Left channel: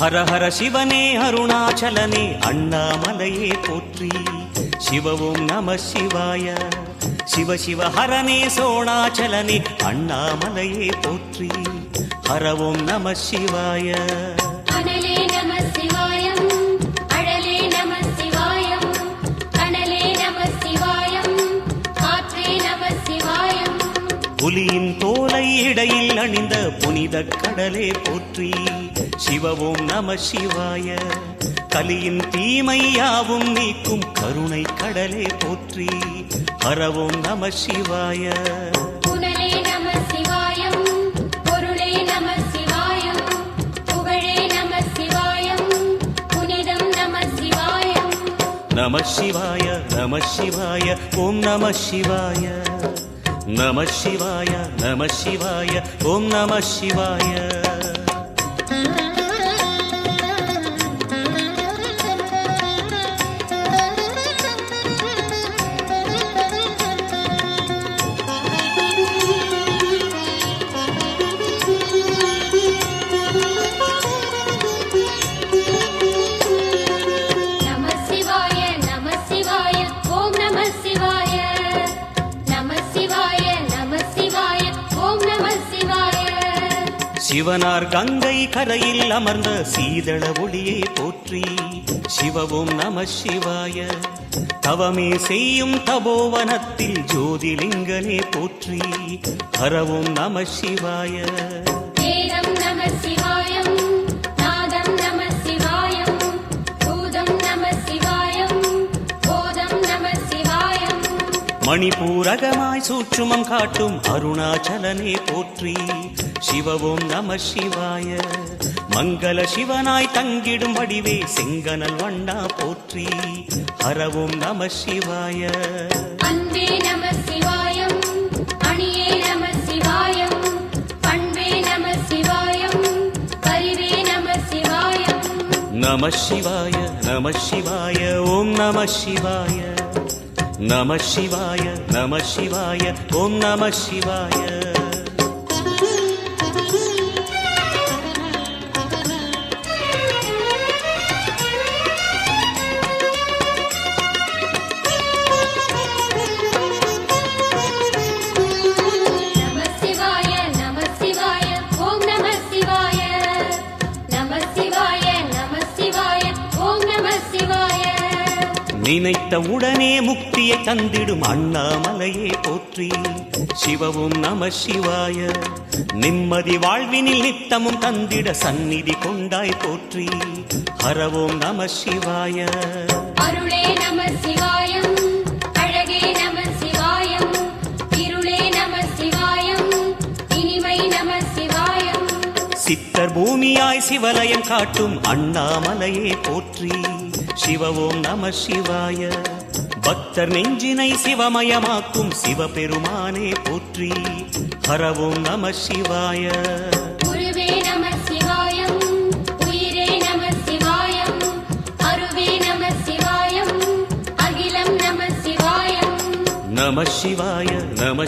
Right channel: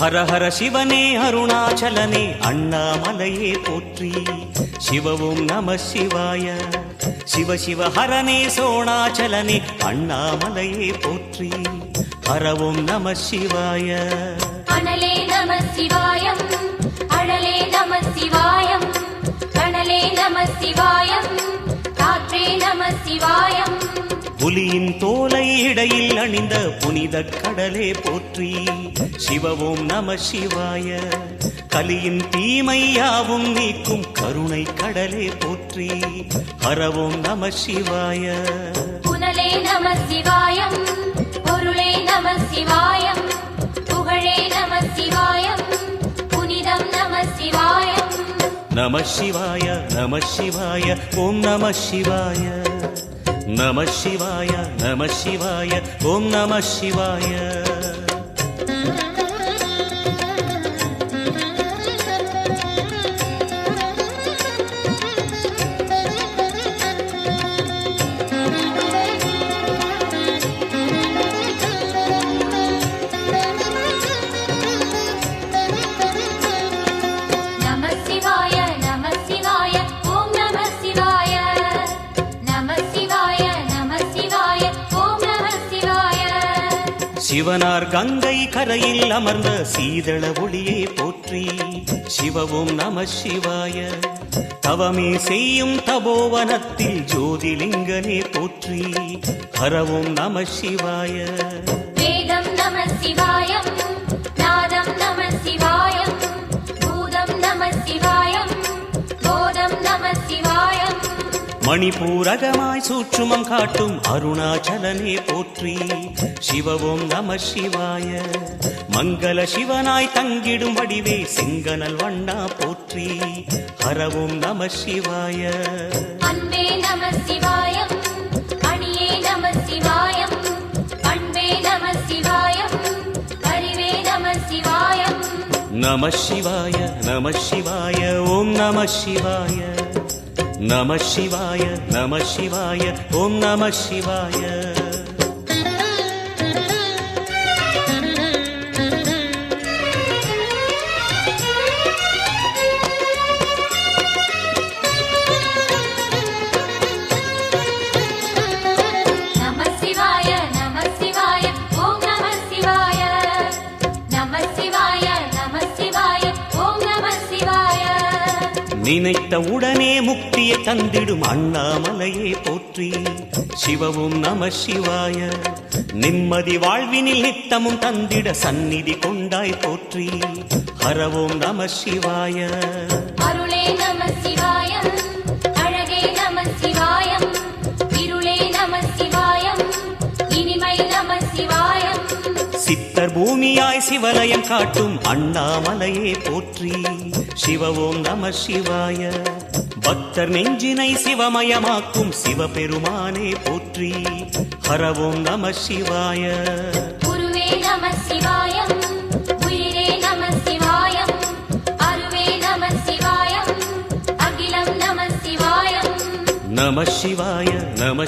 ஹர ஹர சிவனே அருணாச்சலனே அண்ணாமலையே போற்றி. சிவவும் நம சிவாய. சிவ சிவ ஹரனே சோணாச்சலனே அண்ணாமலையே போற்றி. ஹரவும் நம சிவாய. அனலே நம சிவாயம், அழலே நம சிவாயம், கனலே நம சிவாயம், காற்றே நம சிவாயம். புலியின் தோலை இடையில் அணிந்த புனித கடலே போற்றி. சிவவும் நம சிவாய. கலியின் தீமையாவும் நீக்கும் கருணை கடலே போற்றி. ஹரவும் நம சிவாய. புனலே நம சிவாயம், பொருளே நம சிவாயம், புகழே நம சிவாயம், புனிதம் நம சிவாயம். நம சிவாய நம சிவாய ஓம் நம சிவாய. நம சிவாய நம சிவாய ஓம் நம சிவாய. நம சிவாய, நம சிவாய, ஓம் நம சிவாய. நம சிவாய, நம சிவாய, ஓம் நம சிவாய. சிவனார் கங்கை கரையில் அமர்ந்த சீதள ஒளியே போற்றி. சிவவும் நம சிவாய. தவமே செய்யும் தபோவனத்தில் ஜோதிலிங்கனே போற்றி. ஹரவும் நம சிவாய. வேதம் நம சிவாயம், நாதம் நம சிவாயம், பூதம் நம சிவாயம், போதம் நம சிவாயம். மணிபூரகமாய் சூற்றுமம் காட்டும் அருணாச்சலனே போற்றி. சிவவும் நம சிவாய. மங்கள சிவனாய் தங்கிடும் வடிவே செங்கனல் வண்ணா போற்றி. ஹரவும் நம சிவாய. அன்பே நம சிவாயம், அணியே நம சிவாயம், பண்பே நம சிவாயம், அறிவே நம சிவாயம். நம சிவாய நம சிவாய ஓம் நம சிவாய. நம சிவாய நம சிவாய ஓம் நம சிவாய. நம சிவாய, நம சிவாய, ஓம் நம சிவாய. நம சிவாய, நம சிவாய, ஓம் நம சிவாய. நினைத்த உடனே முக்தியை தந்திடும் அண்ணாமலையே போற்றி. சிவவும் நம சிவாய. நிம்மதி வாழ்வினில் நித்தமும் தந்திட சந்நிதி கொண்டாய் போற்றி. ஹரவோம் நம சிவாய. அருளே நம சிவாயம், அழகே நம சிவாயம், இருளே நம சிவாயம், இனிமை நம சிவாயம். சித்தர் பூமியாய் சிவலயம் காட்டும் அண்ணாமலையே போற்றி. சிவவோம் நம சிவாய. பக்தர் நெஞ்சினை சிவமயமாக்கும் சிவபெருமானே போற்றி. ஹரவோம் நம சிவாய. குருவே நம சிவாயம், உயிரே நம சிவாயம், அருவே நம சிவாயம், அகிலம் நம சிவாயம். நம சிவாய நம